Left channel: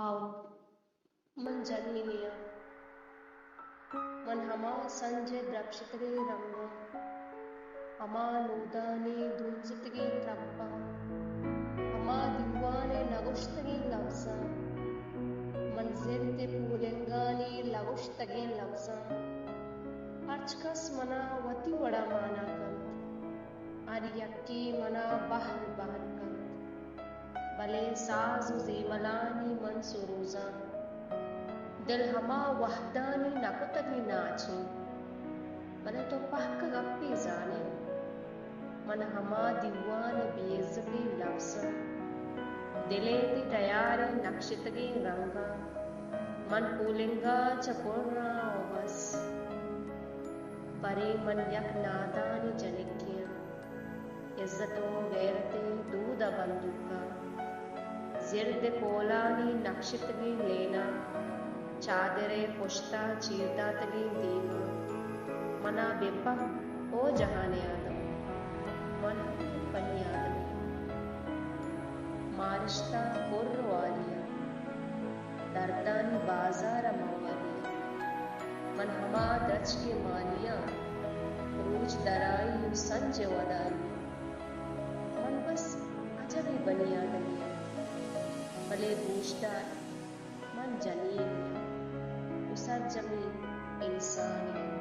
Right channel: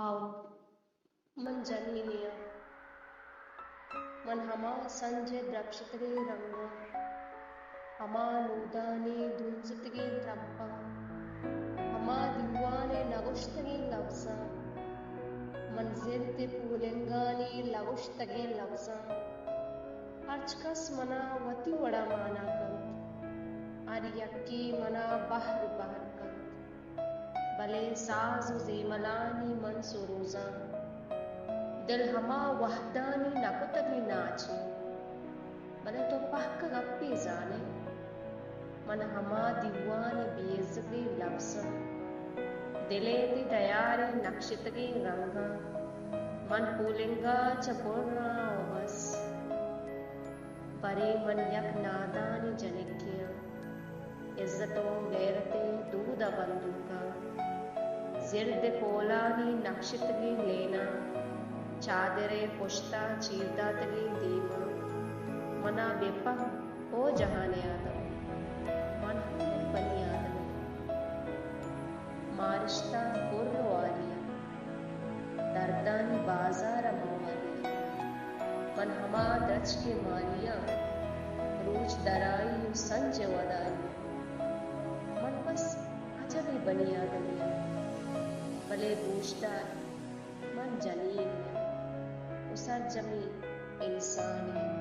How मन जनीनिया मन हमा संजय द्रक्षितगे रंगा हमा नूदाने दुंजितगे त्रब्बा हमा दिवाने लगुश्तगे लवसा मन जिरते पूलेंगाने लगुश्तगे लवसा अर्चकस मना वती वड़ा माना कंत आर्यक्की मना बहर बहर कंत भले साजु जेमलानी मन सुरोजा दिल हमा वहदानी नकुतगी नाची भले तो पहक गप्पी जाने मन हमा दीवाने बेइज्जती लफ्ज़ दिलेती तैयारी नक्शितगी रंगा मन पूलिंगा चपुर्रा बस परे मन यक नादानी जनिकिया इज्जतो गैरते दूध बंदूका जिर्द कोलानी नक्शितगी लेना चादरे पुश्ता चीरदा तगी दीवा मना बेपा ओ जहाने आदम मन हमें बनी आदमी मारिश्ता कुर्र वालिया दर्दानी बाजार मवालिया मन हमा दच के मालिया रूज दराई संज वदालिया मन बस अजबी बनी आदमिया भले गोश्तार मन जनिए उसर जमी इंसानिया।